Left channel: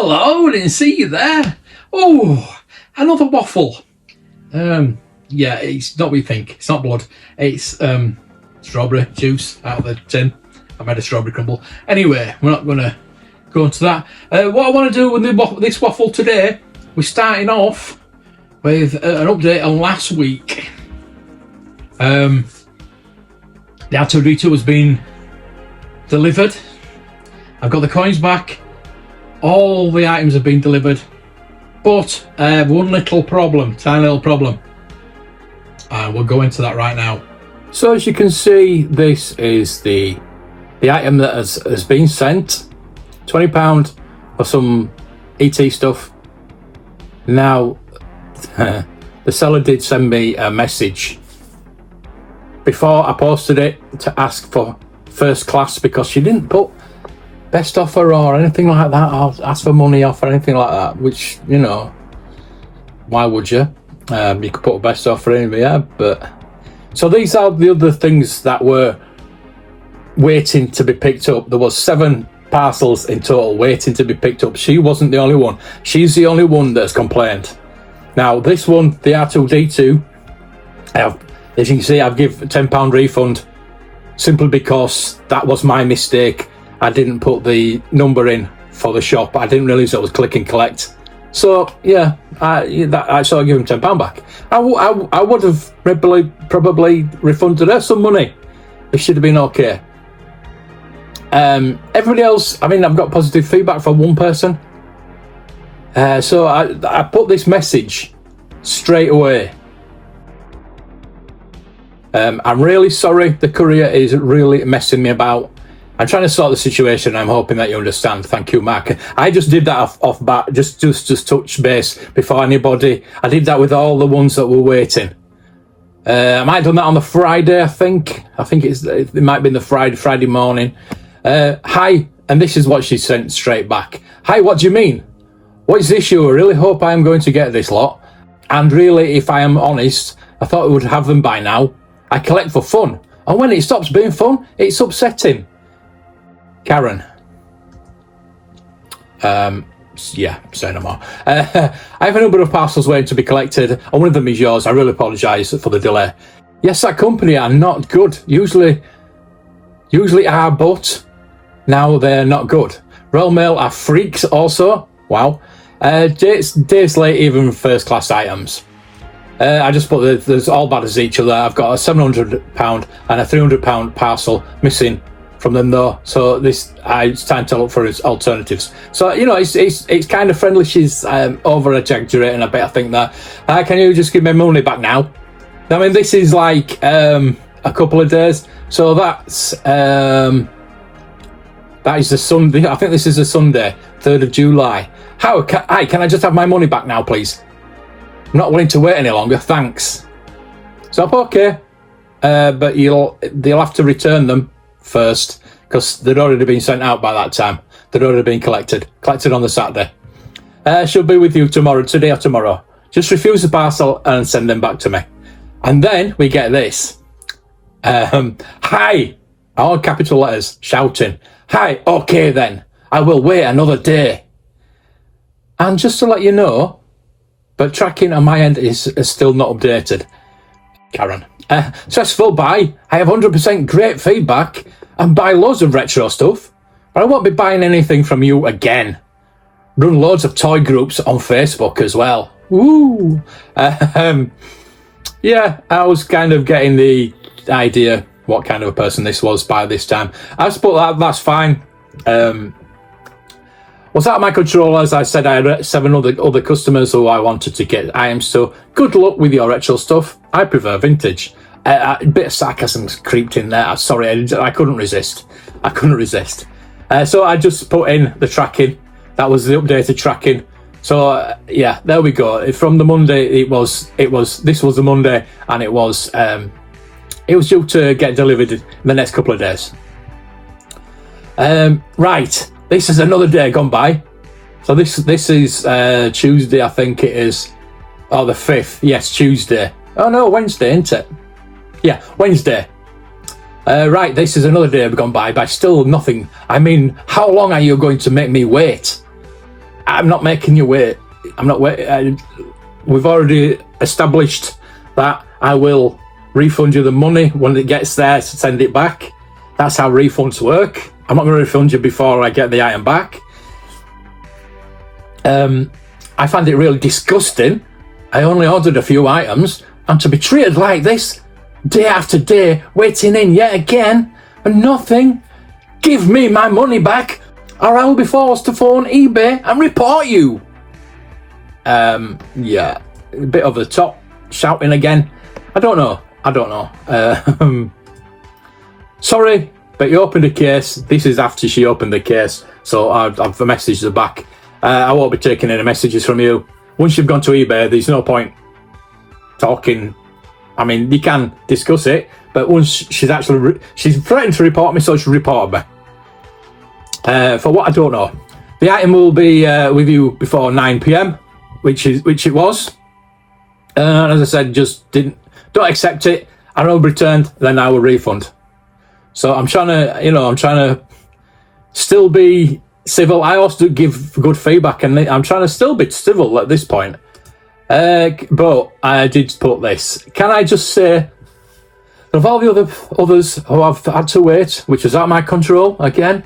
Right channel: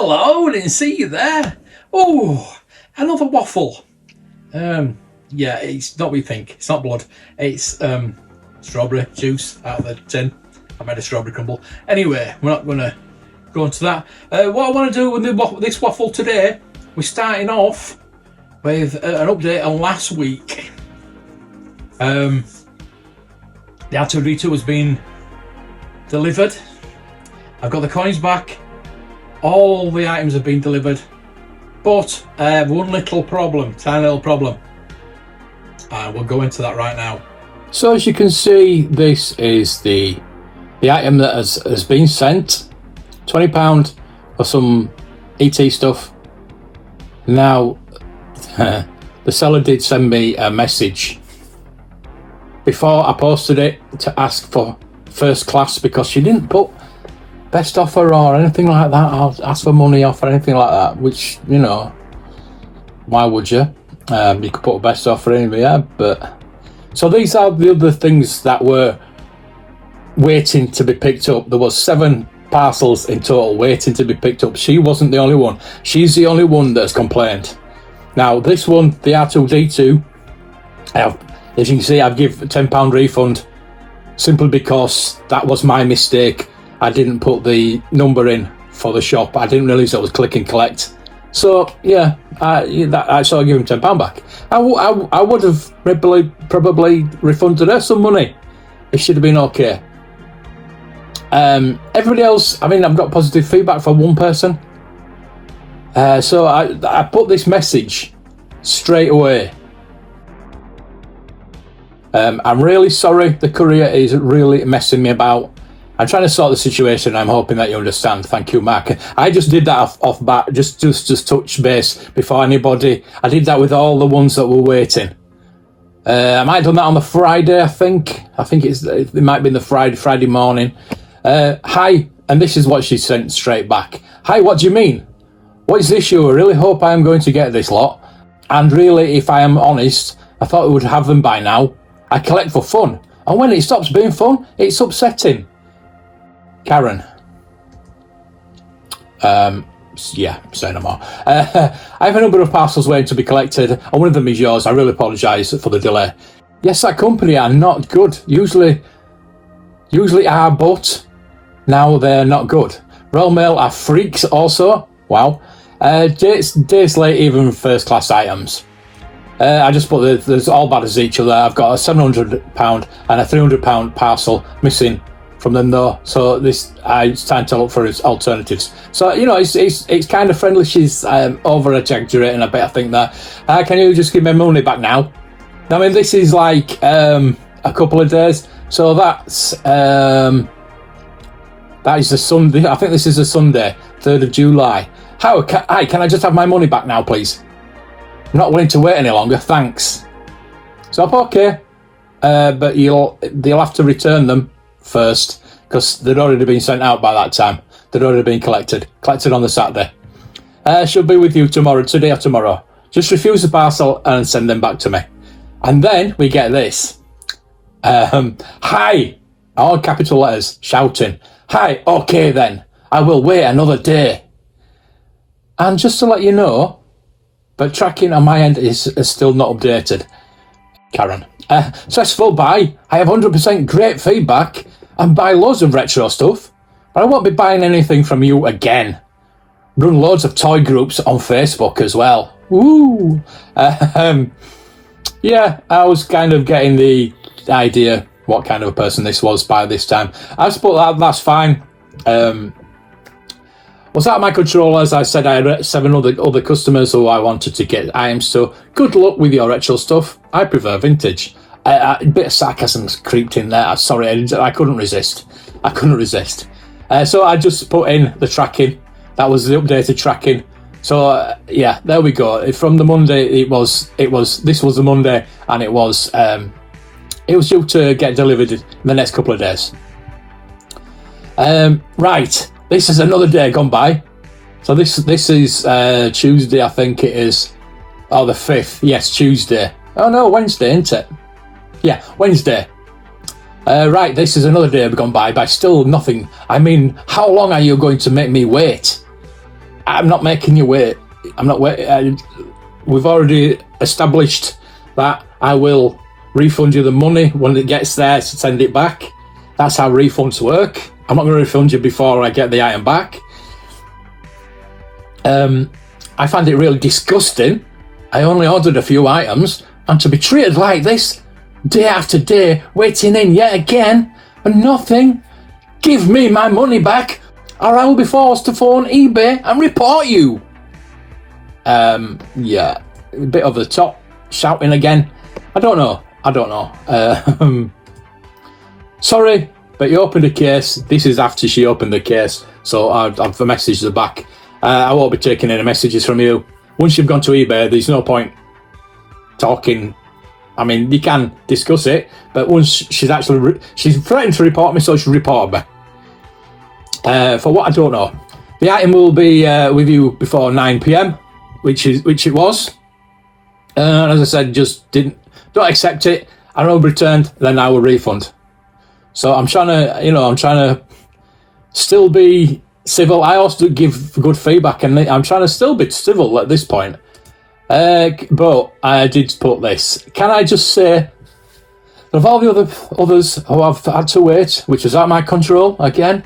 Hello, didn't see you there. Oh, another waffle. Yeah, it's not what you think. It's not blood. It's strawberry juice out of the tin. I made a strawberry crumble. Anyway, we're not going to go into that. What I want to do with this waffle today, we're starting off with an update on last week. The R2D2 has been delivered. I've got the coins back. All the items have been delivered, but I have one little problem, tiny little problem. We'll go into that right now. So as you can see, this is the item that has been sent. £20 for some ET stuff. Now, the seller did send me a message before I posted it to ask for first class, because she didn't put best offer or anything like that. I'll ask for money off or anything like that, which, you know, why would you? You could put a best offer in, yeah, but so these are the other things that were waiting to be picked up. There was 7 parcels in total waiting to be picked up. She wasn't the only one. She's the only one that's complained. Now this one, the R2D2, as you can see, I've given a £10 refund simply because that was my mistake. I didn't put the number in for the shop. I didn't realise it was click and collect. So yeah, I sort of give him £10 back. I would have probably refunded her some money. It should have been okay. Everybody else, I mean, I've got positive feedback from one person. So I put this message straight away. I'm really sorry. The courier is really messing me about. I'm trying to sort the situation. I'm hoping that you understand. Thank you, Mark. I just did that off bat, just touch base before anybody. I did that with all the ones that were waiting. I might have done that on the Friday, I think. It might have been the Friday morning. Hi, and this is what she sent straight back. Hi, what do you mean? What is the issue? I really hope I am going to get this lot. And really, if I am honest, I thought we would have them by now. I collect for fun. And when it stops being fun, it's upsetting. Karen. Yeah, say no more. I have a number of parcels waiting to be collected, and one of them is yours. I really apologise for the delay. Yes, that company are not good. Usually are, but now they're not good. Royal Mail are freaks also. Wow. Days late, even first class items. I just put there's all bad as each other. I've got a £700 and a £300 parcel missing from them though, so it's time to look for alternatives. So, you know, it's kind of friendly. She's over exaggerating a bit. I think that can you just give me money back now? I mean, this is like a couple of days, so that is the Sunday. I think this is a Sunday, 3rd of July. Hi, can I just have my money back now, please? I'm not willing to wait any longer, thanks. So okay, but they'll have to return them first, because they'd already been sent out by that time. They'd already been collected on the Saturday. She'll be with you tomorrow, today or tomorrow. Just refuse the parcel and send them back to me. And then we get this. Hi, all capital letters, shouting. Hi, okay then, I will wait another day. And just to let you know, but tracking on my end is still not updated. Karen. Successful buy. I have 100% great feedback and buy loads of retro stuff, but I won't be buying anything from you again. Run loads of toy groups on Facebook as well. Woo! Yeah, I was kind of getting the idea what kind of a person this was by this time. I suppose that's fine. Was out of my control. As I said, I had 7 other customers who I wanted to get items to. Good luck with your retro stuff. I prefer vintage. A bit of sarcasm creeped in there. Sorry, I couldn't resist. So I just put in the tracking. That was the updated tracking. So yeah, there we go. From the Monday, this was the Monday, and it was due to get delivered in the next couple of days. Right. This is another day gone by. So this is Tuesday, I think it is. Oh, the 5th. Yes, Tuesday. Oh no, Wednesday, isn't it? Yeah, Wednesday. Right, this is another day gone by still nothing. I mean, how long are you going to make me wait? I'm not making you wait. I'm not wait. We've already established that I will refund you the money when it gets there, so send it back. That's how refunds work. I'm not going to refund you before I get the item back. I find it really disgusting. I only ordered a few items, and to be treated like this, day after day, waiting in yet again, and nothing. Give me my money back, or I'll be forced to phone eBay and report you. Yeah, a bit over the top, shouting again. I don't know. Sorry, but you opened a case. This is after she opened the case, so I've messaged her back. I won't be taking any messages from you. Once you've gone to eBay, there's no point talking. I mean, you can discuss it, but once she's threatened to report me, so she reported me. For what I don't know, the item will be with you before 9 p.m, which it was. As I said, don't accept it. I will return, then I will refund. So I'm trying to still be civil. I also give good feedback, and I'm trying to still be civil at this point. But I did put this. Can I just say, of all the others who have had to wait, which is out of my control, again,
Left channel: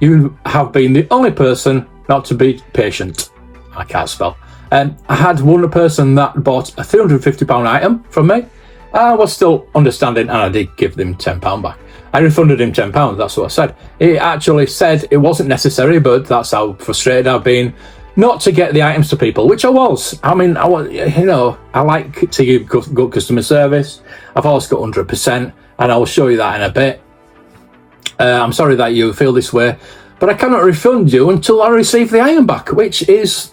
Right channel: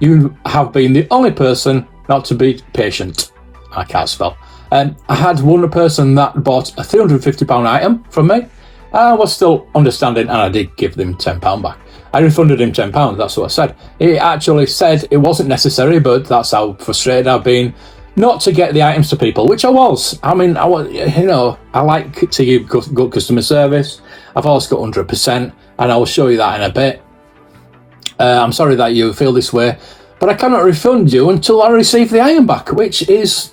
you have been the only person not to be patient. I can't spell. I had one person that bought a £350 item from me. I was still understanding, and I did give them £10 back. I refunded him £10, that's what I said. He actually said it wasn't necessary, but that's how frustrated I've been not to get the items to people, which I was. I mean, I like to give good customer service. I've always got 100%, and I'll show you that in a bit. I'm sorry that you feel this way, but I cannot refund you until I receive the item back, which is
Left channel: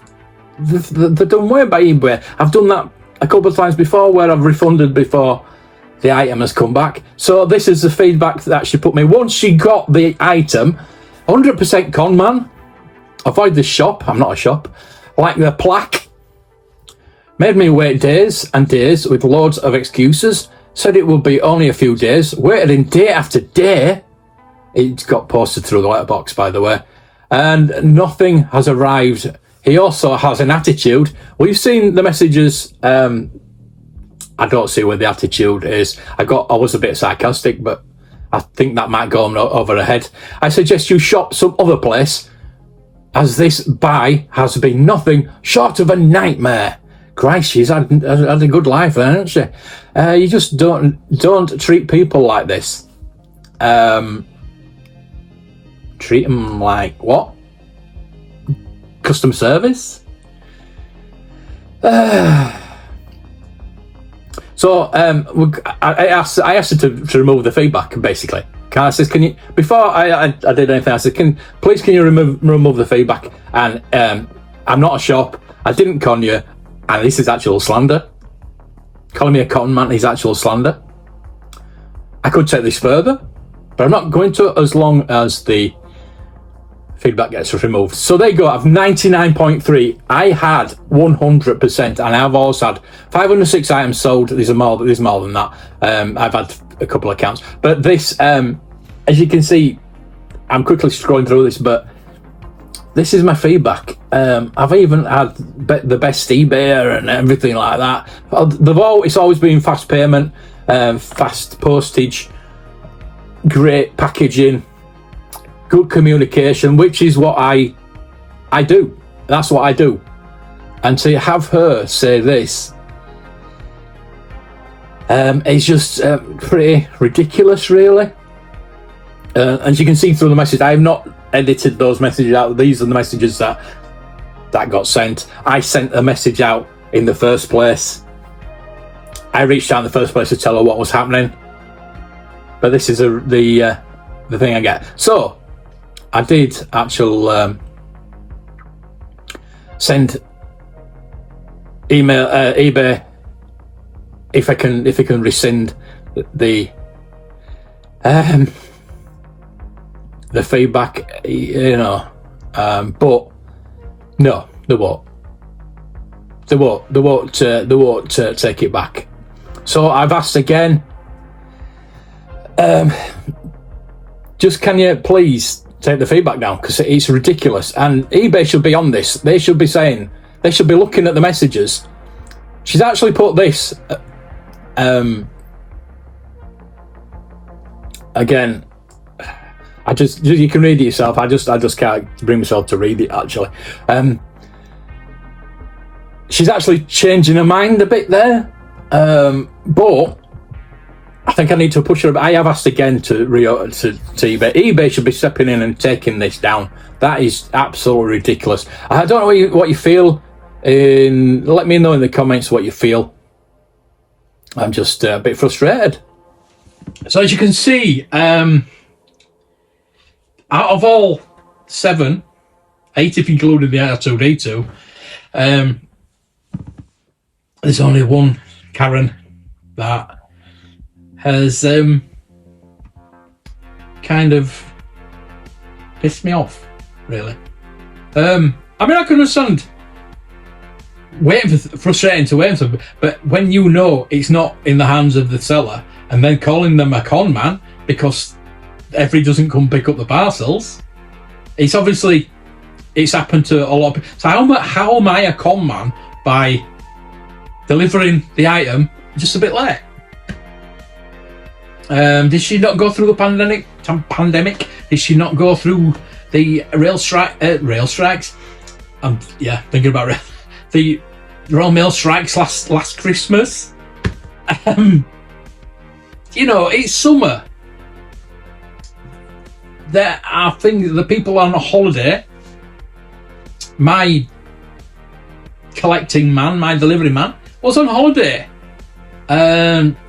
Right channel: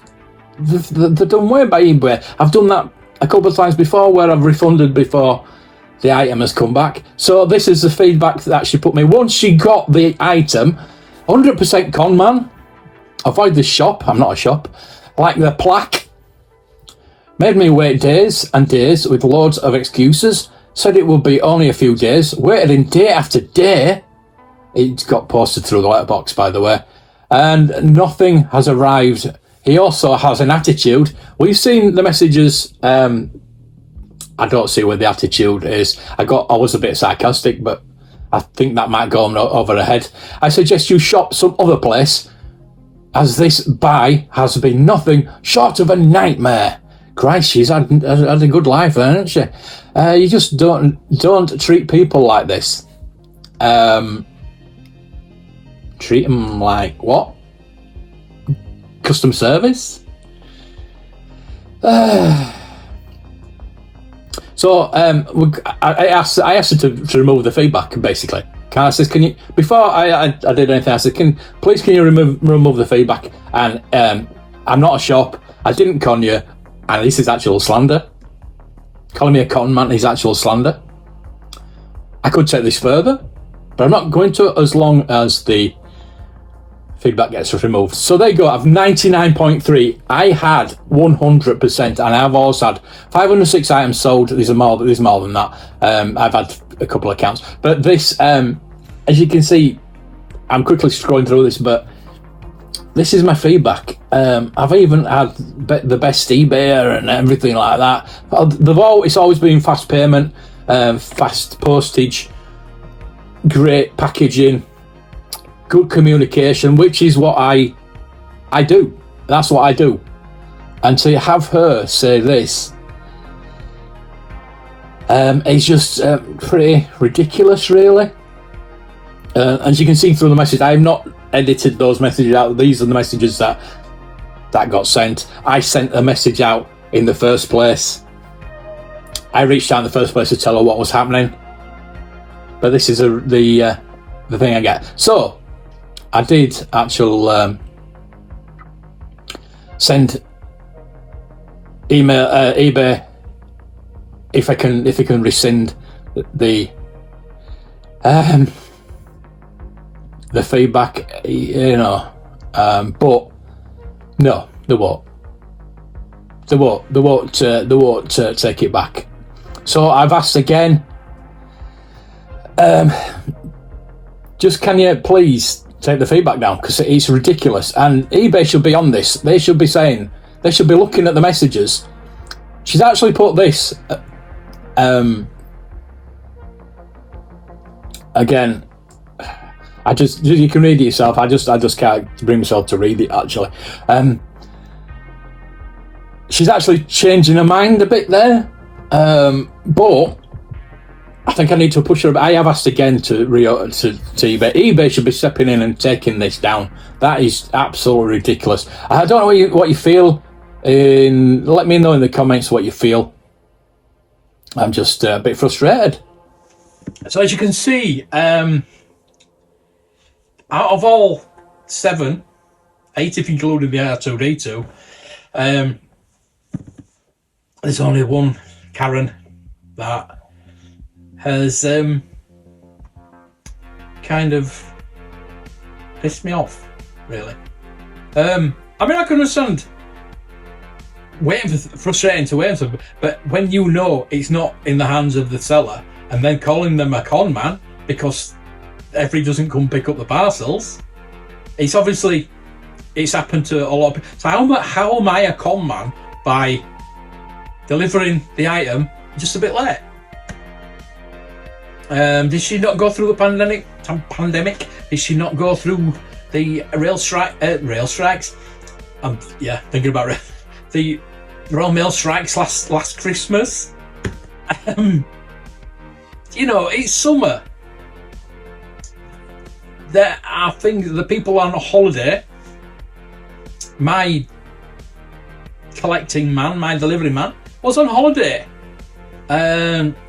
the dumb way by eBay. I've done that a couple of times before where I've refunded before the item has come back. So this is the feedback that she put me. Once she got the item, 100% con man. Avoid the shop. I'm not a shop. Like the plaque. Made me wait days and days with loads of excuses. Said it would be only a few days. Waited in day after day. It got posted through the letterbox, by the way. And nothing has arrived. He also has an attitude. We've seen the messages. I don't see where the attitude is. I was a bit sarcastic, but I think that might go over her head. I suggest you shop some other place, as this buy has been nothing short of a nightmare. Christ, she's had a good life, hasn't she? You just don't treat people like this. Treat them like what? Customer service? So I asked her to remove the feedback, basically. I said, can you, before I did anything, I said, can you remove the feedback? And I'm not a shop. I didn't con you, and this is actual slander. Calling me a con man is actual slander. I could take this further, but I'm not going to as long as the feedback gets removed. So there you go. I've 99.3. I had 100%, and I've also had 506 items sold. There's more than that. I've had a couple of accounts, but this, as you can see, I'm quickly scrolling through this, but this is my feedback. I've even had the best eBay and everything like that. It's always been fast payment, fast postage, great packaging, good communication, which is what I do. That's what I do. And to have her say this, it's just pretty ridiculous, really. As you can see through the message, I have not edited those messages out. These are the messages that got sent. I sent a message out in the first place. I reached out in the first place to tell her what was happening. But this is the thing I get. So I did actually send email eBay if I can rescind the feedback, but no, they won't. They won't take it back. So I've asked again. Just can you please take the feedback down because it's ridiculous. And eBay should be on this. They should be saying, they should be looking at the messages. She's actually put this. Again, you can read it yourself. I just can't bring myself to read it. Actually, she's actually changing her mind a bit there. But I think I need to push her. I have asked again to eBay. eBay should be stepping in and taking this down. That is absolutely ridiculous. I don't know what you feel. Let me know in the comments what you feel. I'm just a bit frustrated. So as you can see, out of all 7, 8 if including the R2D2, there's only one Karen that has kind of pissed me off, really. I mean, I can understand frustrating to wait for, but when you know it's not in the hands of the seller, and then calling them a con man because every doesn't come pick up the parcels, it's happened to a lot of people. So how am I a con man by delivering the item just a bit late? Did she not go through the pandemic? Did she not go through the rail strikes? Thinking about the Royal Mail strikes last Christmas. It's summer. There are things, the people on a holiday. My collecting man, my delivery man, was on holiday.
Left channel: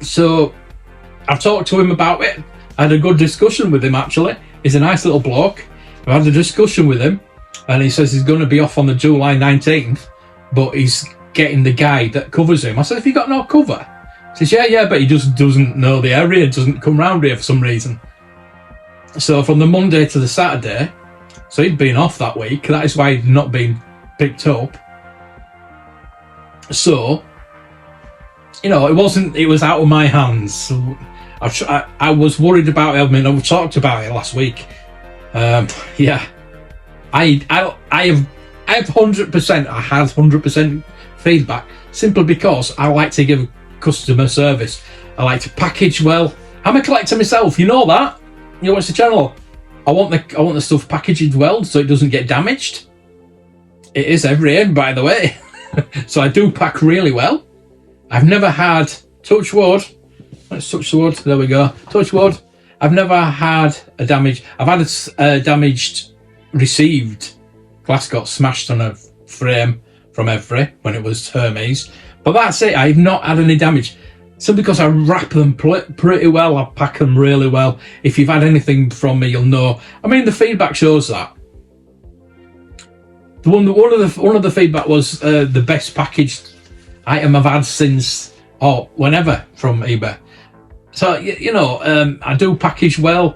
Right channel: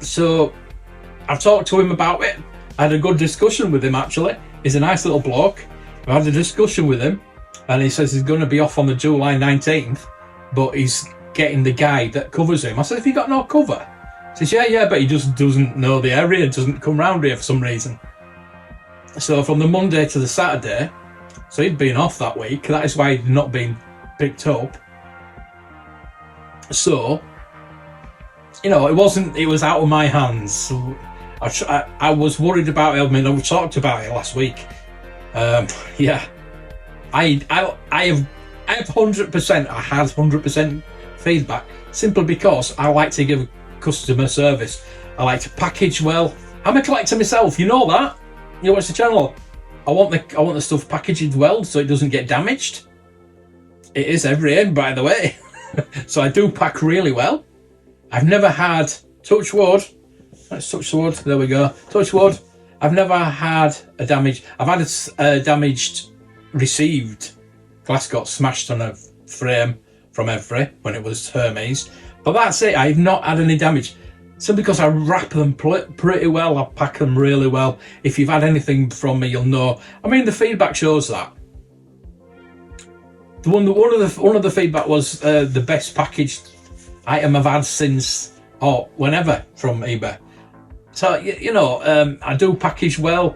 So I've talked to him about it. I had a good discussion with him, actually. He's a nice little bloke. I had a discussion with him, and he says he's going to be off on the July 19th, but he's getting the guy that covers him. I said, have you got no cover? He says, yeah, but he just doesn't know the area, doesn't come round here for some reason. So from the Monday to the Saturday, so he'd been off that week. That is why he'd not been picked up. So, it was out of my hands. So I was worried about it. I mean, we talked about it last week. I have 100%. I had 100% feedback simply because I like to give customer service. I like to package well. I'm a collector myself. You know that. You watch the channel. I want the stuff packaged well so it doesn't get damaged. It is every end, by the way. So I do pack really well. I've never had, touch wood. Let's touch the wood. There we go. Touch wood. I've never had a damage. I've had a damaged received. Glass got smashed on a frame from Every when it was Hermes. But that's it. I've not had any damage. Simply because I wrap them pretty well. I pack them really well. If you've had anything from me, you'll know. I mean, the feedback shows that. One of the feedback was the best packaged item I've had since whenever from eBay. So I do package well.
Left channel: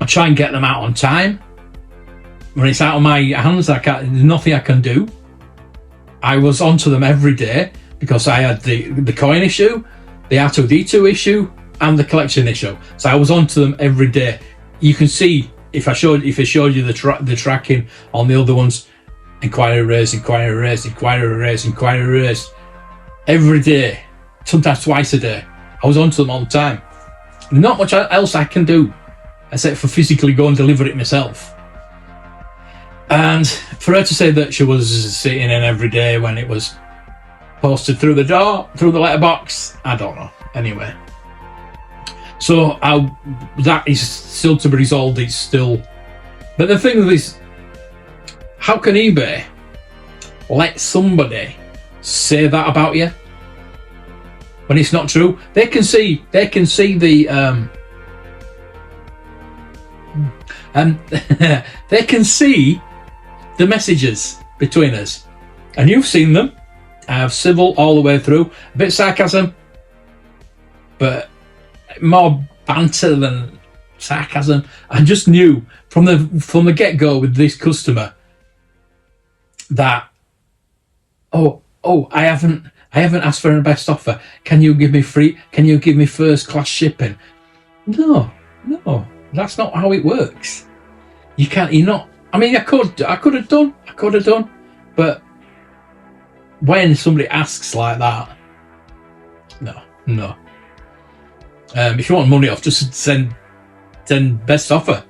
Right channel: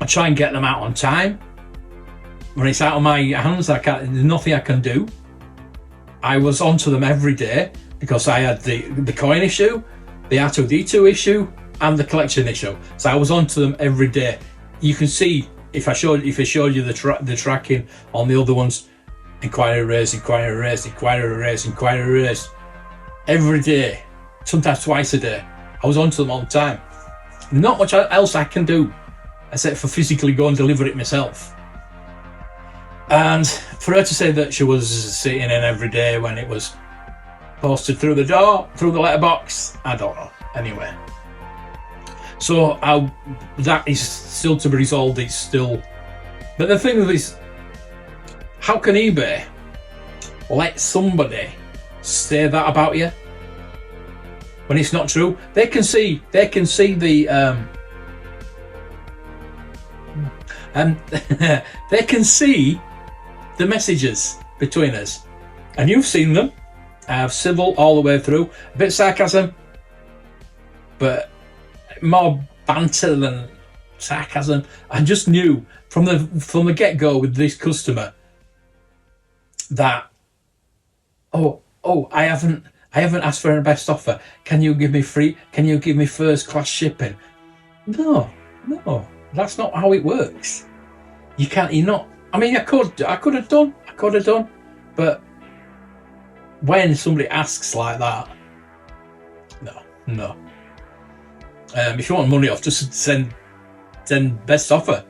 I try and get them out on time. When it's out of my hands, there's nothing I can do. I was onto them every day because I had the coin issue, the R2D2 issue, and the collection issue. So I was onto them every day. You can see if I showed you the tracking on the other ones, inquiry raised, inquiry raised, inquiry raised, inquiry raised, every day, sometimes twice a day. I was onto them all the time. Not much else I can do except for physically go and deliver it myself. And for her to say that she was sitting in every day when it was posted through the door, through the letterbox, I don't know. Anyway, so that is still to be resolved. It's still, but the thing is, how can eBay let somebody say that about you when it's not true? They can see the they can see the messages between us, and you've seen them. I have civil all the way through, a bit sarcasm, but more banter than sarcasm. I just knew from the get-go with this customer that I haven't asked for a best offer. Can you give me first class shipping? No, that's not how it works. you can't. You're not. I mean, I could have done, but when somebody asks like that, no. If you want money off, just send best offer.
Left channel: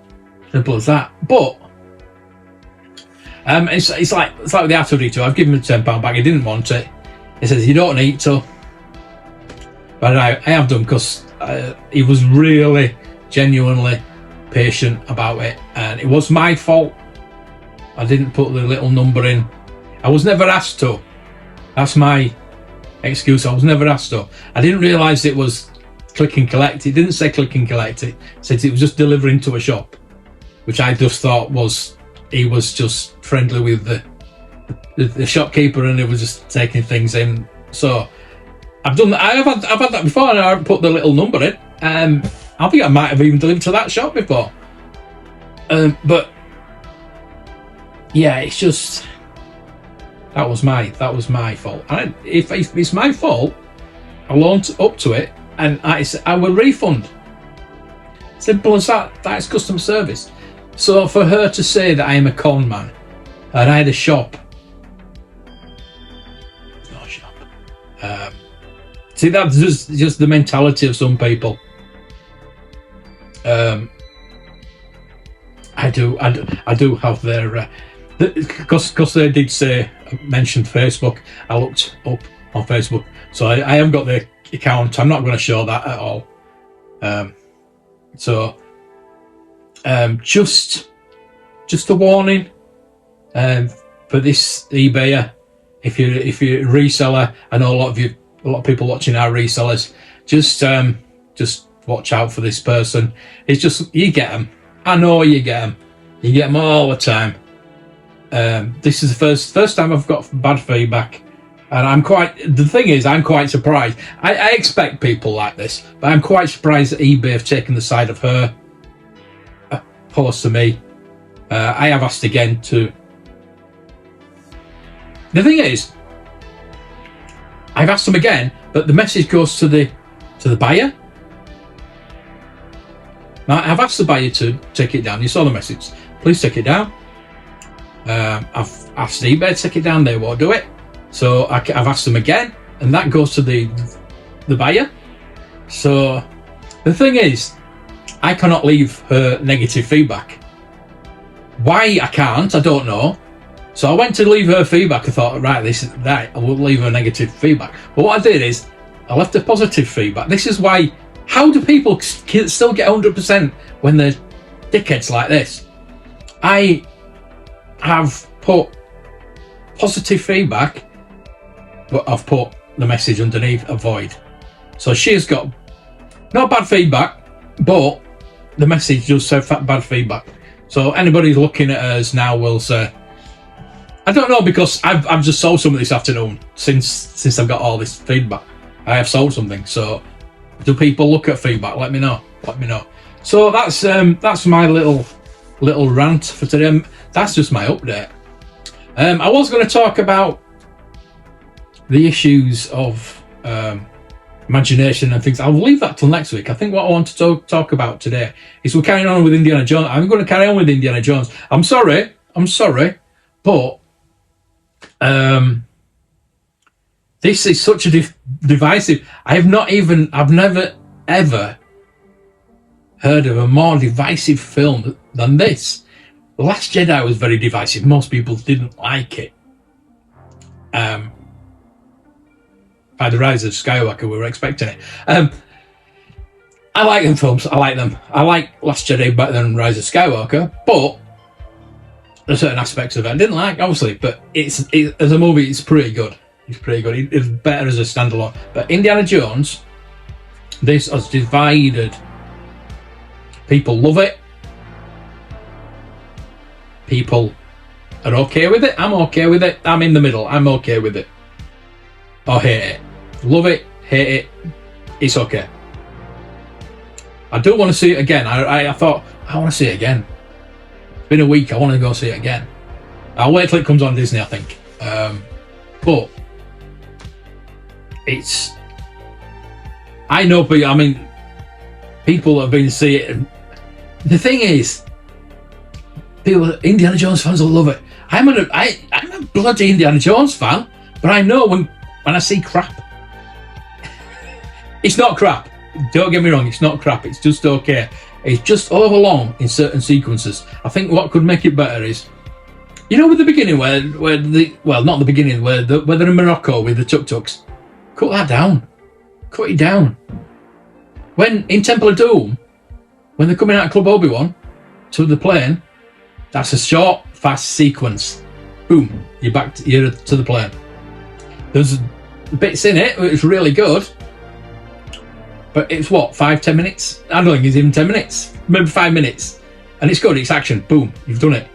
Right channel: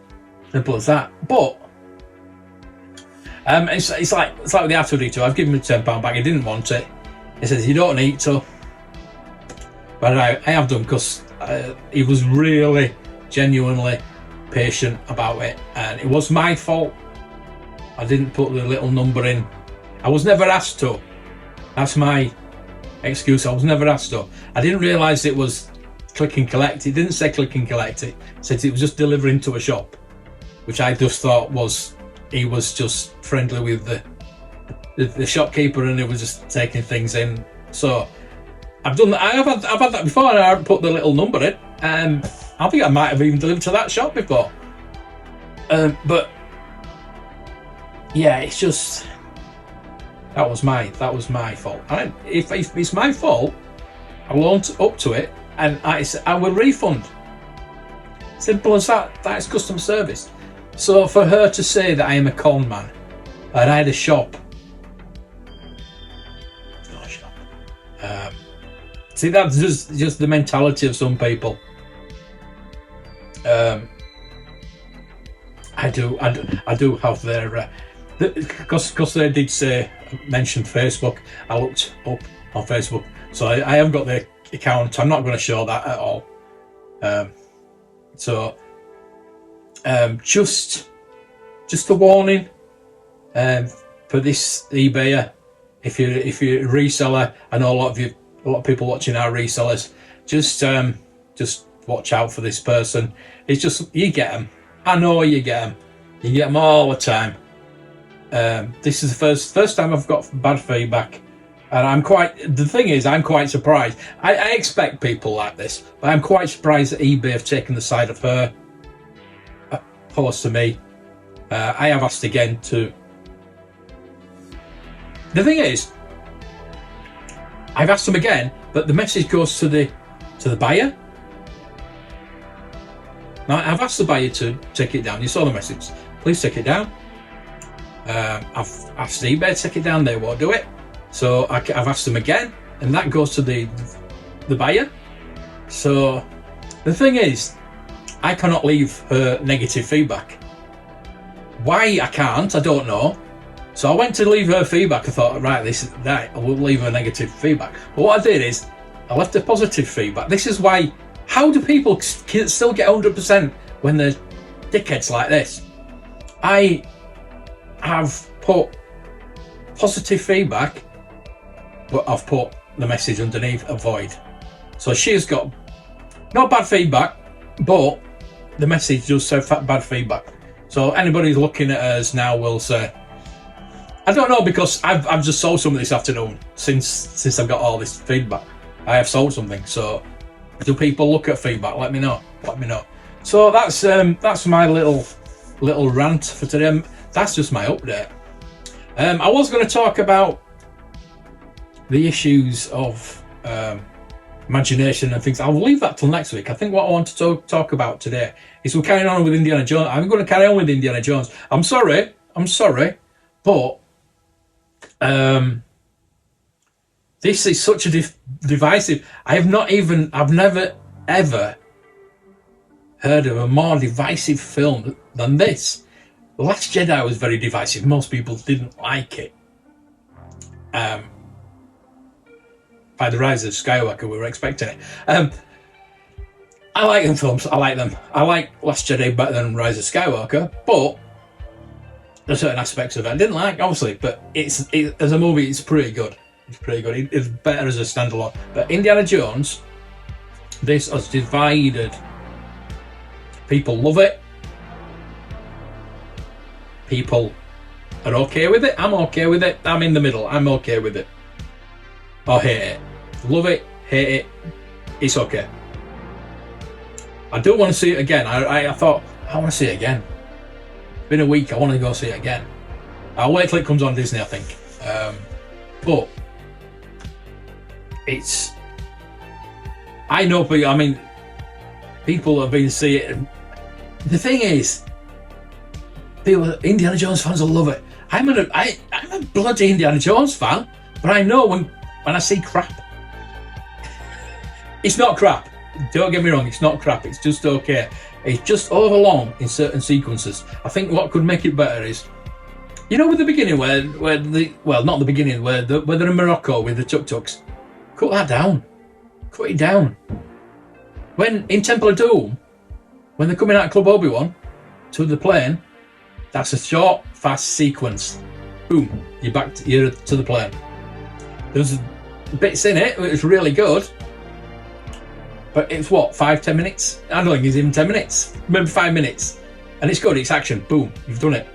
Simple as that. But it's like with the R2D2. I've given him £10 back. He didn't want it. He says you don't need to, but I have done because he was really genuinely patient about it, and it was my fault. I didn't put the little number in. I was never asked to. That's my excuse. I was never asked to. I didn't realise it was click and collect. It didn't say click and collect. It said it was just delivering to a shop, which I just thought he was just friendly with the shopkeeper, and he was just taking things in. So I've done that. I've had that before, and I put the little number in. I think I might have even delivered to that shop before. But yeah, it's just that was my fault. And if it's my fault, I'll own up to it, and I will refund. Simple as that. That's customer service. So for her to say that I am a con man, and I had a shop, no shop. See, that's just the mentality of some people. I do have their because they did mention Facebook. I looked up on Facebook, so I haven't got their account. I'm not going to show that at all. Just a warning for this eBayer. If you're a reseller, I know a lot of people watching are resellers. Just watch out for this person. It's just, you get them. I know you get them. You get them all the time. This is the first time I've got bad feedback, and the thing is, I'm quite surprised. I expect people like this, but I'm quite surprised that eBay have taken the side of her opposed to me. I have asked again to. The thing is, I've asked them again, but the message goes to the buyer. Now, I've asked the buyer to take it down. You saw the message. Please take it down. I've asked eBay to take it down. They won't do it. So I've asked them again, and that goes to the buyer. So the thing is, I cannot leave her negative feedback. Why I can't, I don't know. So I went to leave her feedback. I thought, right, I will leave her negative feedback. But what I did is, I left her positive feedback. This is why. How do people still get 100% when they're dickheads like this? I have put positive feedback, but I've put the message underneath, avoid. So she's got not bad feedback, but the message does say bad feedback. So anybody looking at us now will say, I don't know, because I've just sold something this afternoon since I've got all this feedback. I have sold something, so do people look at feedback? Let me know. So that's my little rant for today. That's just my update. I was going to talk about the issues of imagination and things. I'll leave that till next week. I think what I want to talk about today is we're carrying on with Indiana Jones. I'm going to carry on with Indiana Jones. I'm sorry, but this is such a divisive. I've never ever heard of a more divisive film than this. The Last Jedi was very divisive. Most people didn't like it. By The Rise of Skywalker, we were expecting it. I like them films. I like them. I like Last Jedi better than Rise of Skywalker, but there's certain aspects of it I didn't like, obviously. But as a movie, it's pretty good. It's better as a standalone. But Indiana Jones, this has divided. People love it. People are okay with it. I'm okay with it. I'm in the middle. I'm okay with it. Or hate it. Love it, hate it. It's okay. I do want to see it again. I thought, I want to see it again. It's been a week. I want to go see it again. I'll wait till it comes on Disney, I think. But it's, I know, but I mean, people have been seeing it. And the thing is, people, Indiana Jones fans will love it. I'm a bloody Indiana Jones fan, but I know when I see crap, it's not crap. Don't get me wrong, it's not crap. It's just okay. It's just overlong in certain sequences. I think what could make it better is, you know, with the beginning where not the beginning, where they're in Morocco with the tuk-tuks. Cut that down. Cut it down. When in Temple of Doom, when they're coming out of Club Obi-Wan to the plane, that's a short, fast sequence. Boom, you're to the plane. There's bits in it which is really good, but it's what, 5-10 minutes? I don't think it's even 10 minutes. Maybe 5 minutes, and it's good. It's action. Boom, you've done it.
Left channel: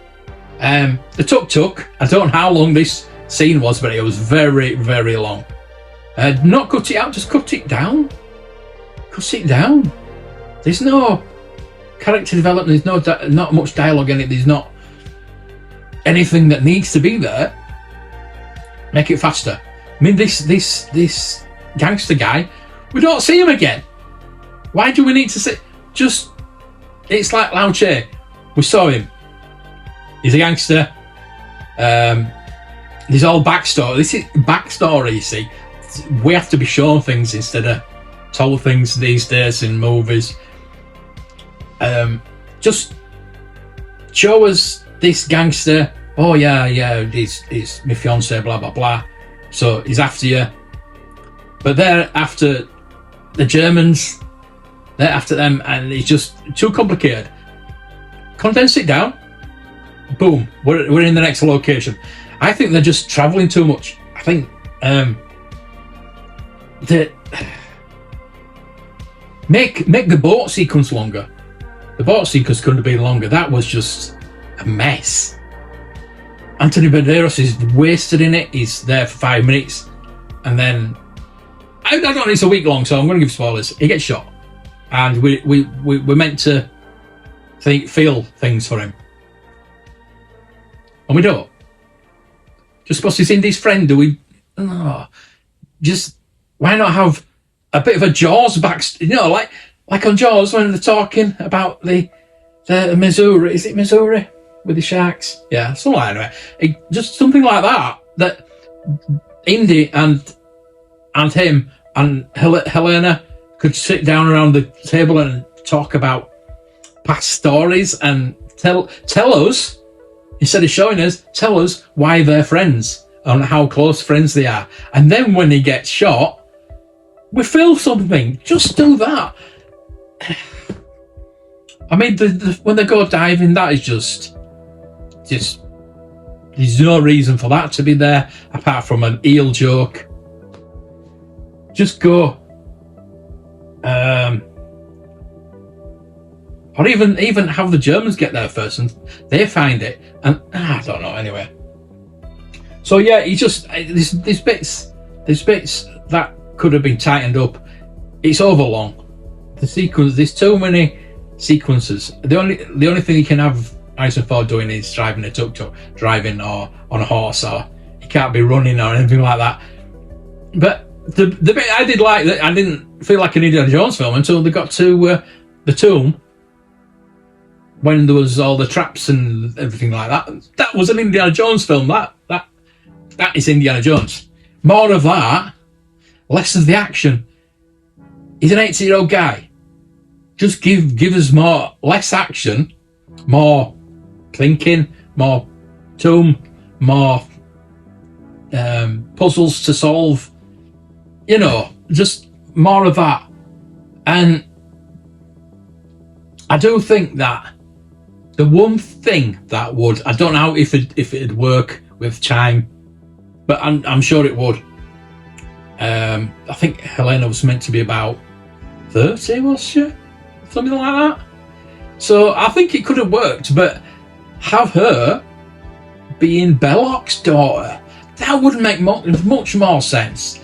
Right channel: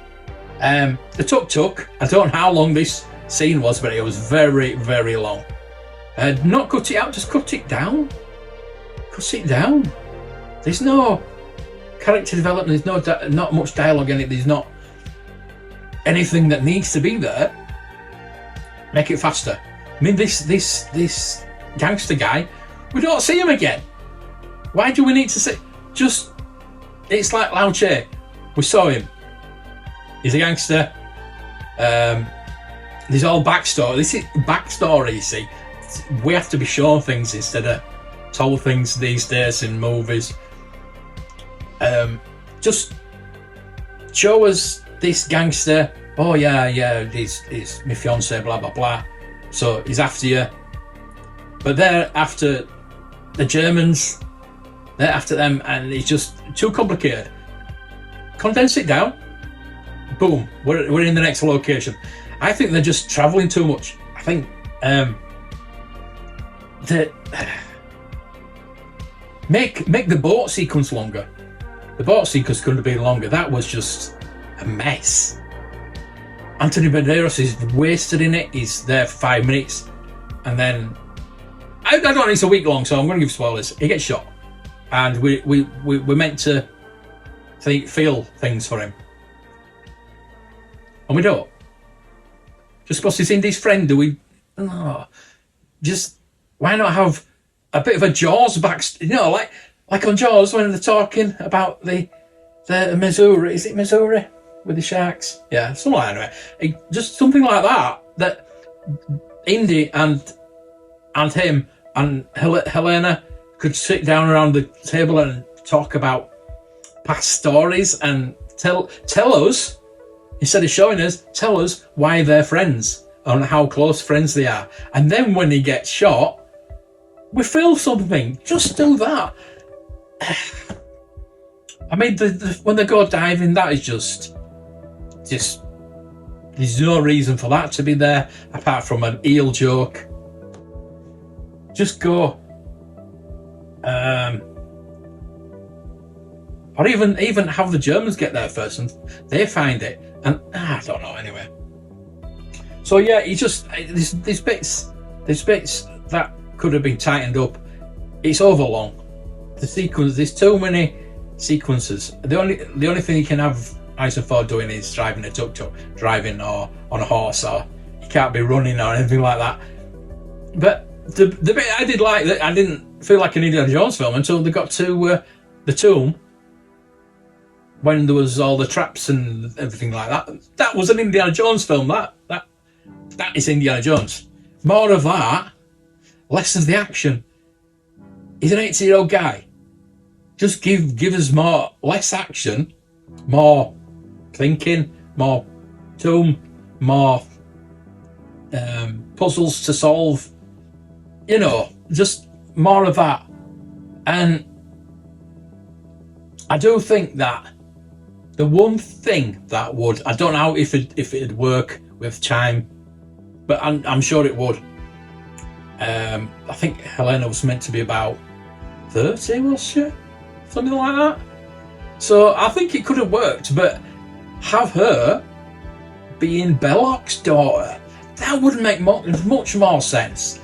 The tuk-tuk, I don't know how long this scene was, but it was very, very long. Not cut it out, just cut it down. Cut it down. There's no character development, there's not much dialogue in it, there's not anything that needs to be there. Make it faster. I mean, this gangster guy, we don't see him again. Why do we need to see? Just, it's like Lao Che. We saw him. He's a gangster. There's all backstory. This is backstory, you see. We have to be shown things instead of told things these days in movies. Just show us this gangster. Oh yeah, he's my fiance, blah blah blah. So he's after you. But they're after the Germans. They're after them, and it's just too complicated. Condense it down. Boom, we're in the next location. I think they're just traveling too much. I think make the boat sequence longer. The boat sequence couldn't have been longer. That was just a mess. Anthony Banderas is wasted in it. He's there for 5 minutes, and then I don't know. It's a week long, so I'm going to give spoilers. He gets shot, and we're meant to feel things for him. And we don't. Just supposed to see Indy's friend, do we? No. Just, why not have a bit of a Jaws like on Jaws when they're talking about the Missouri. Is it Missouri? With the sharks? Yeah, something like that. Just something like that Indy and him and Helena could sit down around the table and talk about past stories and tell us, instead of showing us, tell us why they're friends and how close friends they are. And then when he gets shot, we feel something. Just do that. I mean, when they go diving, that is just there's no reason for that to be there apart from an eel joke. Just go. Or even have the Germans get there first and they find it, and I don't know. Anyway, so yeah, he just there's bits that could have been tightened up. It's overlong. The sequence, there's too many sequences. The only thing you can have Harrison Ford doing is driving a tuk-tuk, driving or on a horse, or he can't be running or anything like that. But the bit I did like, that I didn't feel like an Indiana Jones film until they got to the tomb, when there was all the traps and everything like that. That was an Indiana Jones film. That is Indiana Jones. More of that, less of the action. He's an 80-year-old guy. Just give us less action, more thinking, more tomb, more puzzles to solve. You know, just more of that. And I do think that the one thing that would, I don't know if it'd work with time, but I'm sure it would. I think Helena was meant to be about 30, was she? Something like that. So I think it could have worked, but have her being Belloc's daughter, that would make much more sense.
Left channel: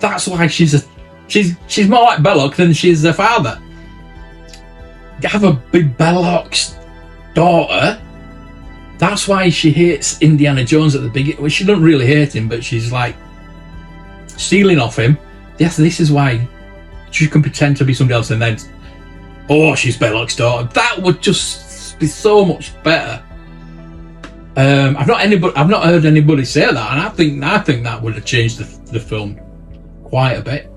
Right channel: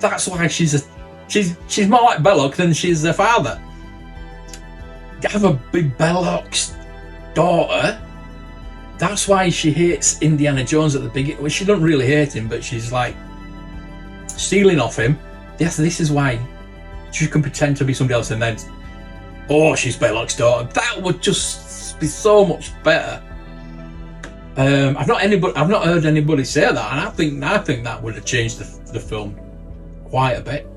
That's why she's more like Belloc than she's their father. Have a big Belloc's daughter. That's why she hates Indiana Jones at the beginning. Well, she doesn't really hate him, but she's like stealing off him. Yes, this is why she can pretend to be somebody else, and then, oh, she's Belloc's daughter. That would just be so much better. I've not heard anybody say that, and I think that would have changed the film quite a bit.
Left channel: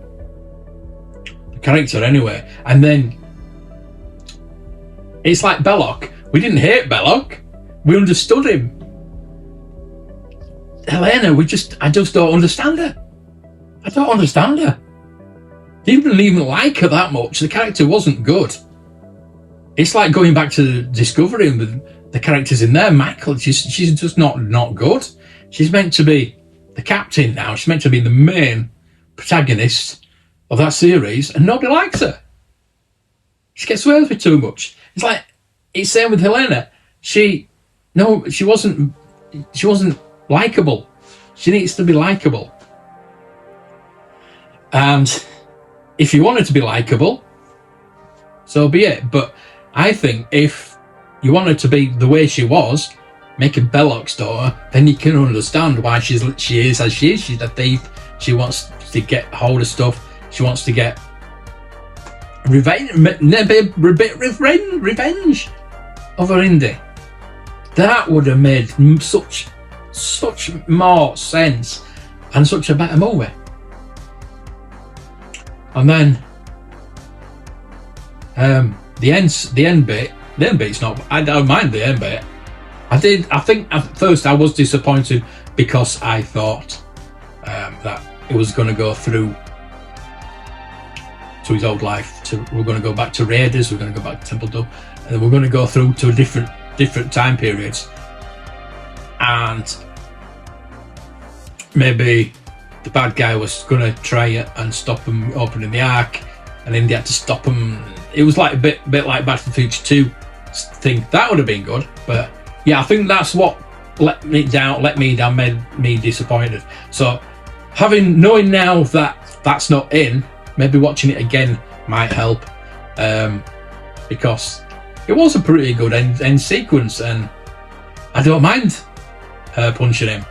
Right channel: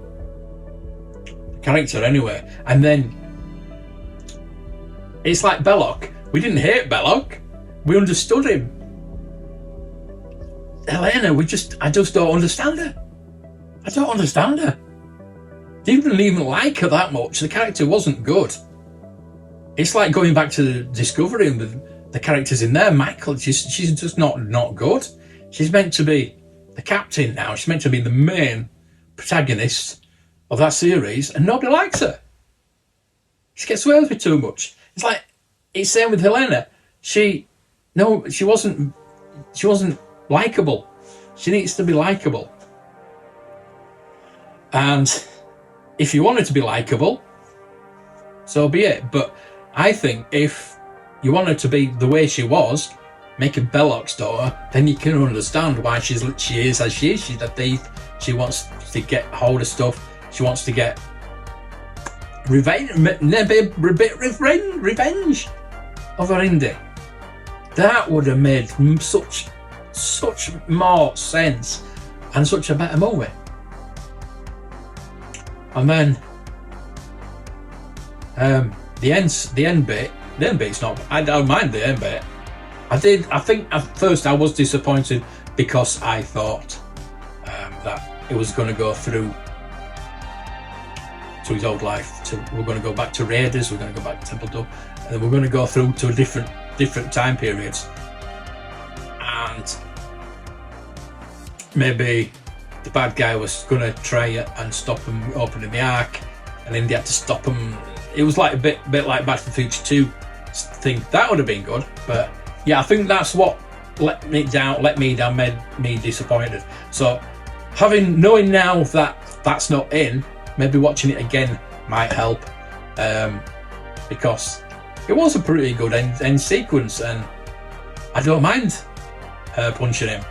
The character, anyway. And then it's like Belloc. We didn't hate Belloc. We understood him. Helena, I just don't understand her. I don't understand her. Didn't even like her that much. The character wasn't good. It's like going back to Discovery and the characters in there. Michael, she's just not good. She's meant to be the captain now. She's meant to be the main protagonist of that series, and nobody likes her. She gets away with it too much. It's like, it's same with Helena. She wasn't likable. She needs to be likable. And if you want her to be likable, so be it. But I think if you want her to be the way she was, making Belloc's daughter, then you can understand why she is as she is. She's a thief. She wants to get hold of stuff. She wants to get revenge over Indy. That would have made such more sense and such a better movie. And then the end bit's not. I don't mind the end bit. I think at first I was disappointed because I thought that it was going to go through to his old life. We're going to go back to Raiders. We're going to go back to Temple Dub, and then we're going to go through to different time periods, and maybe the bad guy was going to try and stop him opening the Ark, and then they had to stop him. It was like a bit like Back to the Future 2 thing. That would have been good, but yeah, I think that's what let me down, made me disappointed. So knowing now that that's not in, maybe watching it again might help, because it was a pretty good end sequence, and I don't mind her punching him.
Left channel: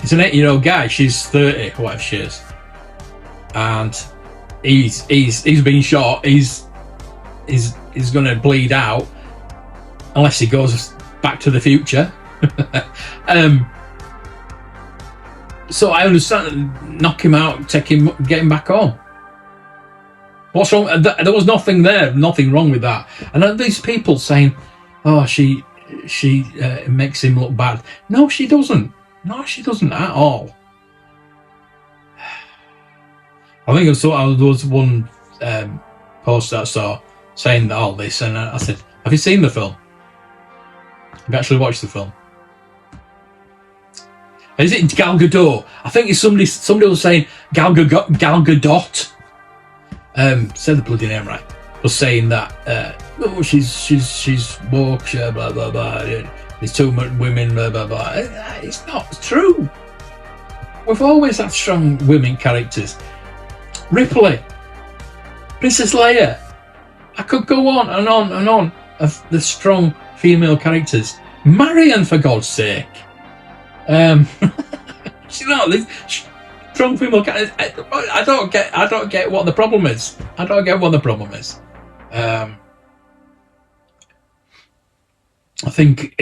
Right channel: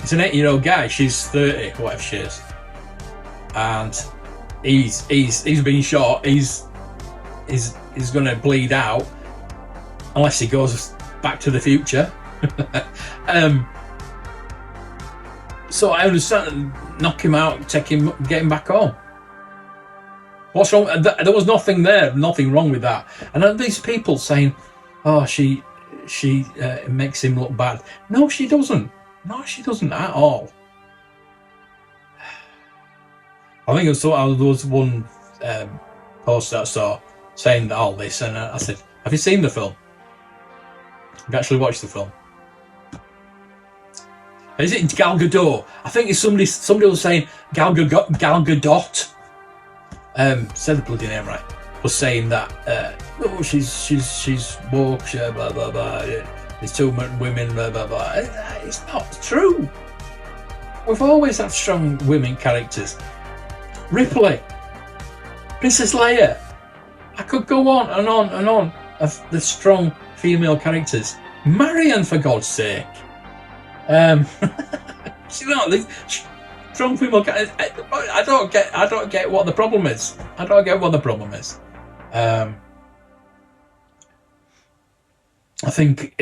He's an 8-year-old guy. She's 30, whatever she is, and he's been shot. He's going to bleed out unless he goes back to the future. So I understand, knock him out, get him back on. What's wrong? There was nothing wrong with that. And then these people saying, "Oh, she makes him look bad." No, she doesn't. No, she doesn't at all. I think there was one post that I saw saying all this, and I said, "Have you seen the film? Have you actually watched the film? Is it Gal Gadot?" I think it's somebody was saying Gal Gadot. Say the bloody name right. Was saying that no, she's woke, blah blah blah. There's too much women, blah blah blah. It's not true. We've always had strong women characters. Ripley, Princess Leia. I could go on and on and on of the strong female characters. Marion, for God's sake. You know, the strong female characters. I don't get what the problem is. I don't get what the problem is. I think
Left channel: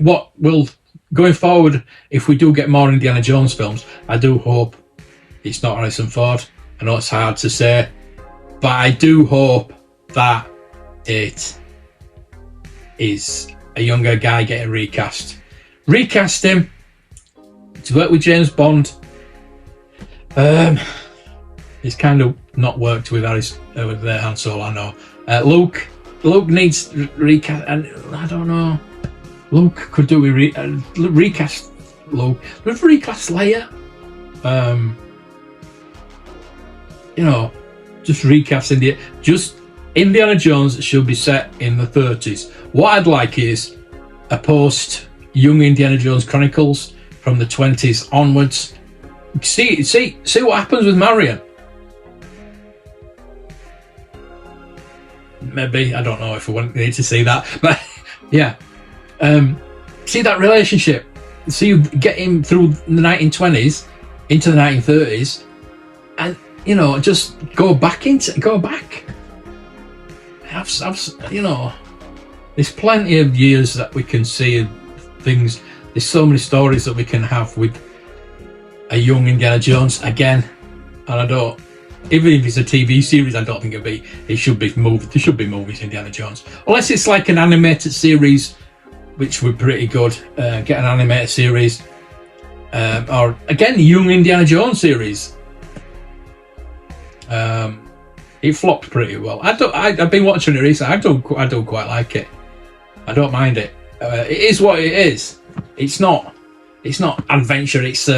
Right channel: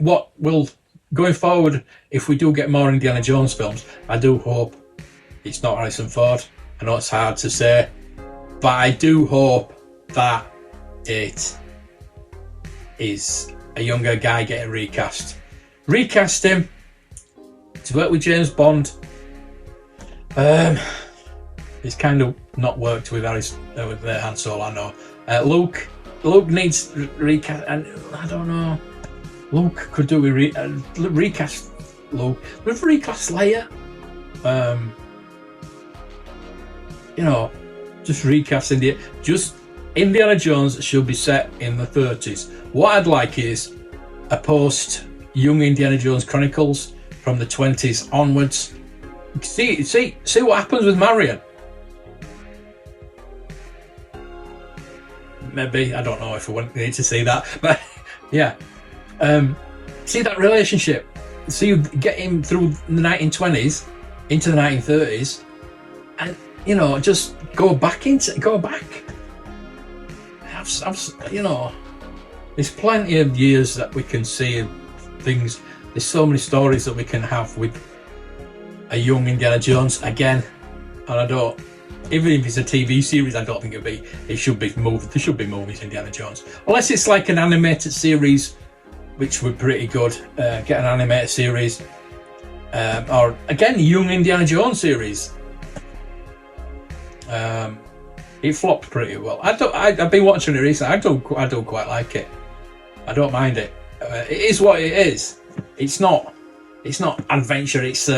what will going forward, if we do get more Indiana Jones films, I do hope it's not Harrison Ford. I know it's hard to say, but I do hope that it is a younger guy getting recast. Recast him to work with James Bond. It's kind of not worked with with Han Solo, I know. Luke needs recast, and I don't know. Luke could do recast Luke. We've recast Leia. You know, just recasting it. Just Indiana Jones should be set in the 30s. What I'd like is a post Young Indiana Jones Chronicles from the 20s onwards. See what happens with Marion. Maybe, I don't know if we need to see that, but yeah. See that relationship. See you get him through the 1920s into the 1930s, and you know, just go back. Have you There's plenty of years that we can see and things. There's so many stories that we can have with a young Indiana Jones again, and I don't. Even if it's a TV series, I don't think it should be moved. There should be movies Indiana Jones, unless it's like an animated series, which would be pretty good. Get an animated series, or again, young Indiana Jones series. It flopped pretty well. I've been watching it recently. I don't quite like it. I don't mind it. It is what it is. It's not adventure. It's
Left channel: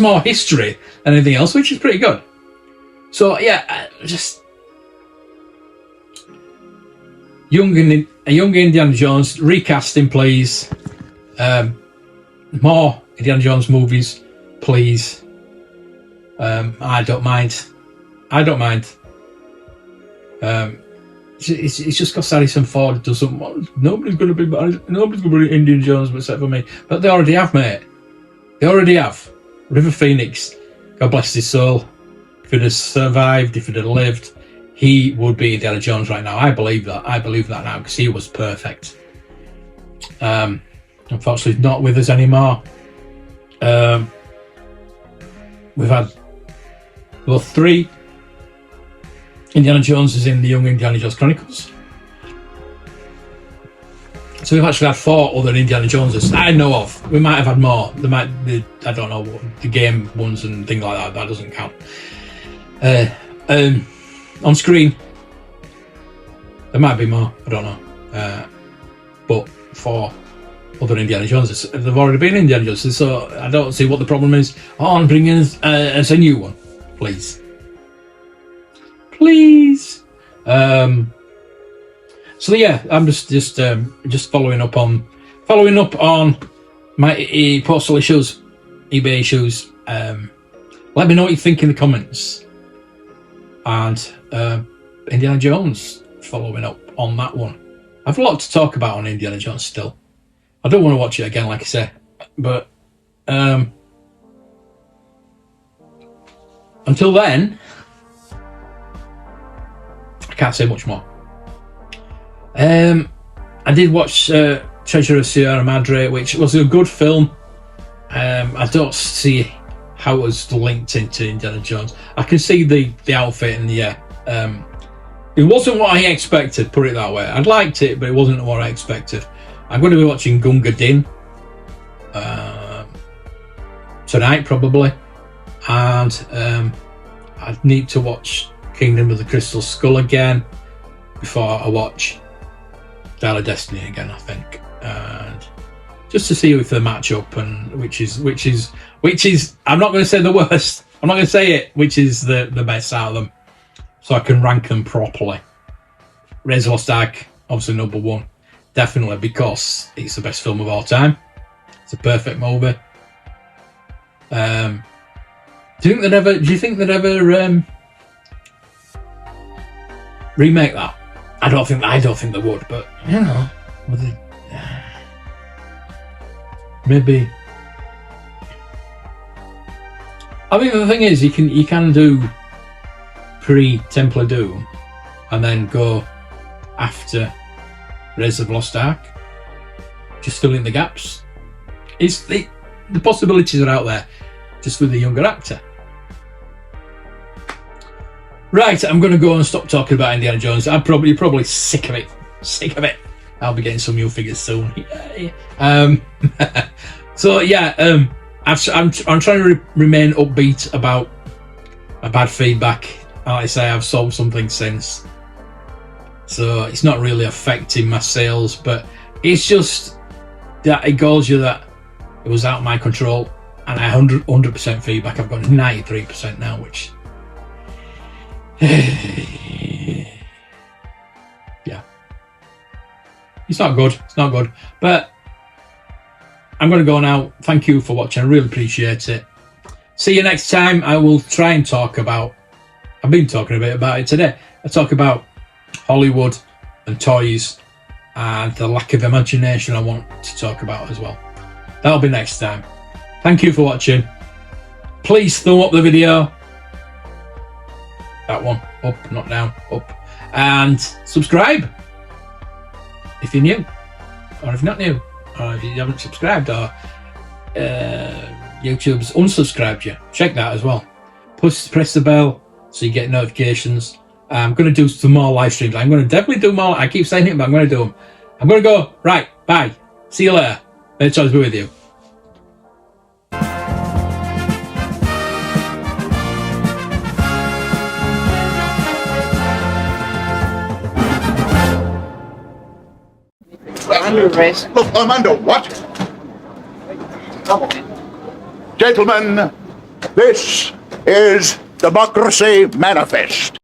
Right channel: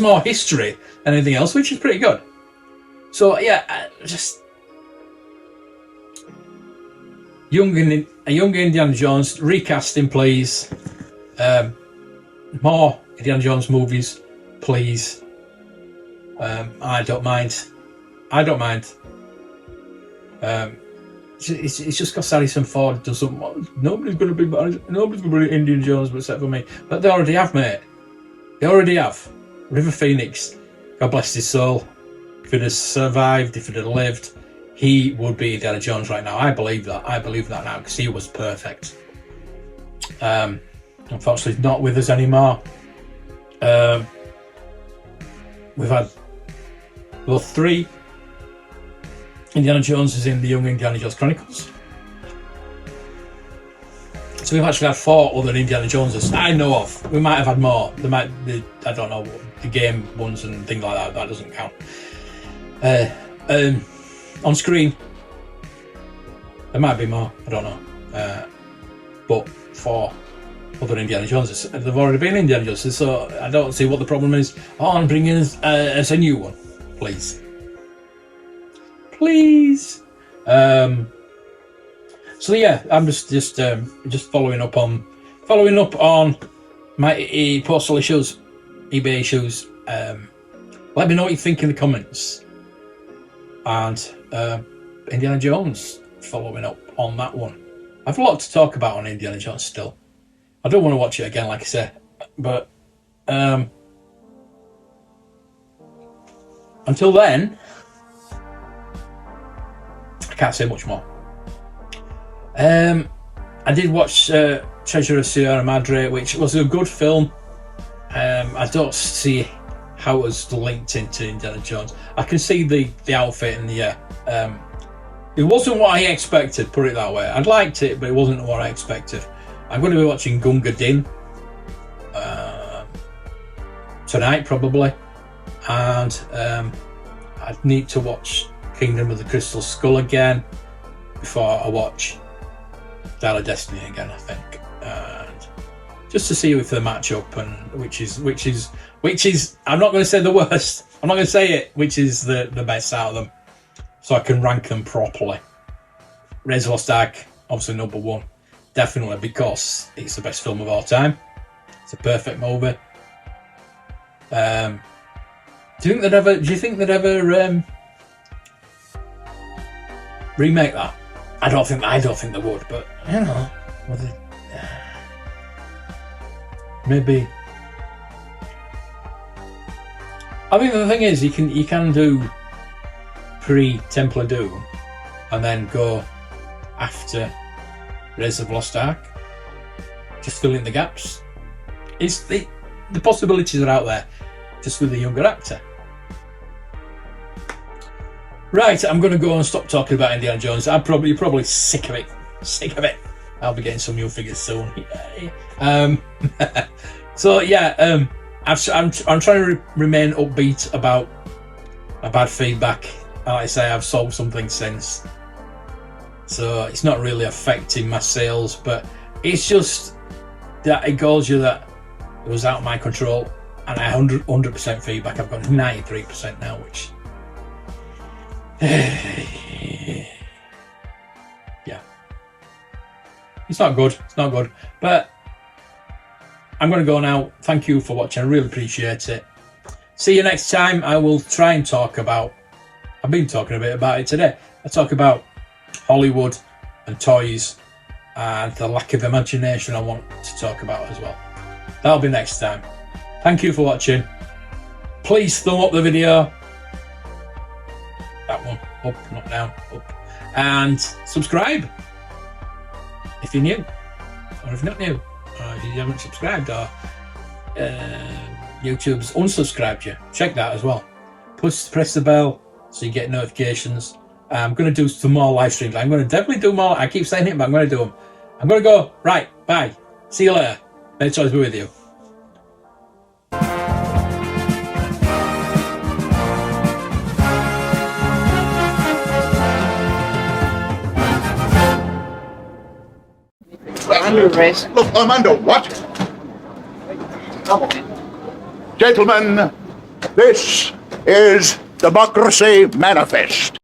more history than anything else, which is pretty good. So yeah, just a young Indiana Jones recasting, please. More Indiana Jones movies, please. I don't mind. It's just because Harrison Ford doesn't want. Nobody's going to be Indiana Jones except for me. But they already have, mate. They already have. River Phoenix, God bless his soul. If he'd have survived, if he'd have lived, he would be Indiana Jones right now. I believe that. I believe that now because he was perfect. Unfortunately, he's not with us anymore. We've had 3 Indiana Joneses in the Young Indiana Jones Chronicles. So we've actually had 4 other Indiana Joneses I know of. We might have had more. I don't know, the game ones and things like that. That doesn't count. On screen, there might be more. I don't know. But 4 other Indiana Joneses. They've already been Indiana Joneses, so I don't see what the problem is on bringing us a new one, please. Please. So yeah, I'm just following up on my postal issues, eBay issues. Let me know what you think in the comments. And Indiana Jones, following up on that one. I've a lot to talk about on Indiana Jones still. I don't want to watch it again, like I say, but until then, I can't say much more. I did watch Treasure of Sierra Madre, which was a good film. I don't see how it was linked into Indiana Jones. I can see the outfit and it wasn't what I expected, put it that way. I'd liked it, but it wasn't what I expected. I'm going to be watching Gunga Din tonight, probably. And I need to watch Kingdom of the Crystal Skull again before I watch Dial of Destiny again, I think. And just to see if they match up, and which is I'm not going to say the worst. I'm not going to say it, which is the best out of them, so I can rank them properly. Raiders of the Lost Ark, obviously number 1, definitely, because it's the best film of all time. It's a perfect movie. Do you think they'd ever remake that? I don't think they would, but you know, maybe. I mean, the thing is, you can do pre-Temple of Doom and then go after Raiders of the Lost Ark, just fill in the gaps. It's the possibilities are out there, just with a younger actor. Right, I'm going to go and stop talking about Indiana Jones. You're probably sick of it. I'll be getting some new figures soon. So yeah, I'm trying to remain upbeat about my bad feedback. Like I say, I've sold something since, so it's not really affecting my sales, but it's just that it goes you that it was out of my control, and I 100% feedback. I've got 93% now, which yeah, it's not good, but I'm going to go now. Thank you for watching. I really appreciate it. See you next time. I will try and talk about, I've been talking a bit about it today. I talk about Hollywood and toys and the lack of imagination I want to talk about as well. That'll be next time. Thank you for watching. Please thumb up the video. That one, up, not down, up. And subscribe. if you're new, or if you're not new, or if you haven't subscribed, or YouTube's unsubscribed you, check that as well. Press the bell so you get notifications. I'm going to do some more live streams. I'm going to definitely do more. I keep saying it, but I'm going to do them. I'm going to go. Right, bye. See you later. May the choice be with you. Under arrest. Look, I'm under what? Gentlemen, this is Democracy Manifest.